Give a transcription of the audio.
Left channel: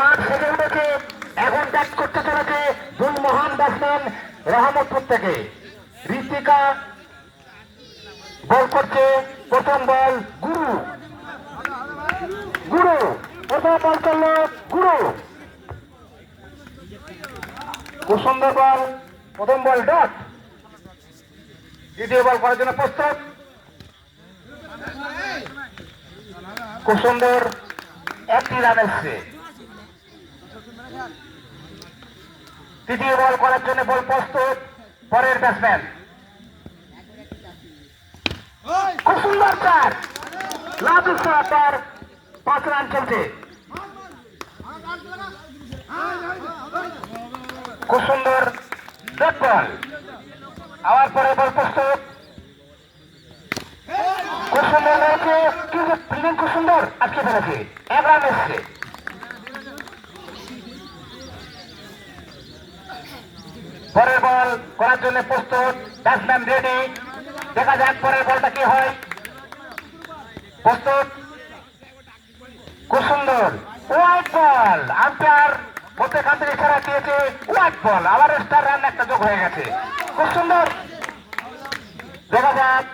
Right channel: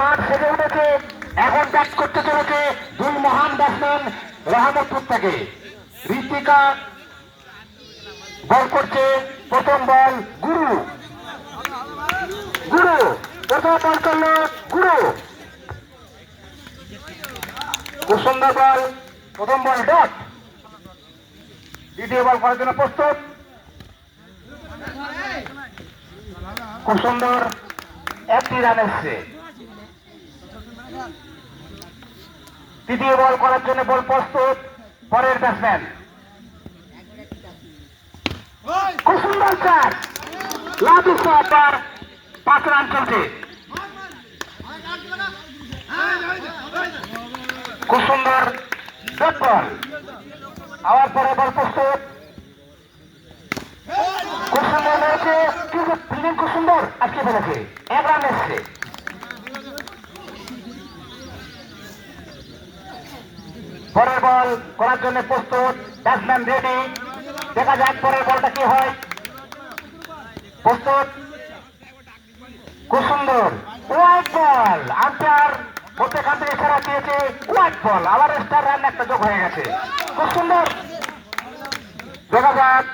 মাঠ সেজে উঠেছে। এখন ব্যাট করতে চলেছে দুই মহান ব্যাটসম্যান রহমতপুর থেকে। ঋতিকা বল করছে, প্রথম বল গুরু। গুরু প্রথম বল করলো গুরু। খুব সুন্দর বল, প্রথম বল ডট। দ্বিতীয় বল করার জন্য প্রস্তুত। খুব সুন্দর, একটি রান এসছে। তৃতীয় বল করার জন্য বল প্রস্তুত পরের ব্যাটসম্যান। খুব সুন্দর চার, লাজু শট, 5 রান চলছে। খুব সুন্দর ডট বল, আবার পরে বল প্রস্তুত। খুব সুন্দর রয়েছে, কিন্তু ফিল্ডিং খুব সুন্দর আটকে ফেলেছে, 1 রান এসছে। পরের বল করার জন্য প্রস্তুত, ব্যাটসম্যান রেডি। দেখা যাক পরের বলটা কি হয়। প্রস্তুত, খুব সুন্দর হোয়াইট বল। আম্পায়ার মধ্যেখান থেকে ইশারা দিয়েছে হোয়াইট বল, আবার এক্সট্রা রান একটা যোগ হয়ে গেছে। খুব সুন্দর, দেখা যাক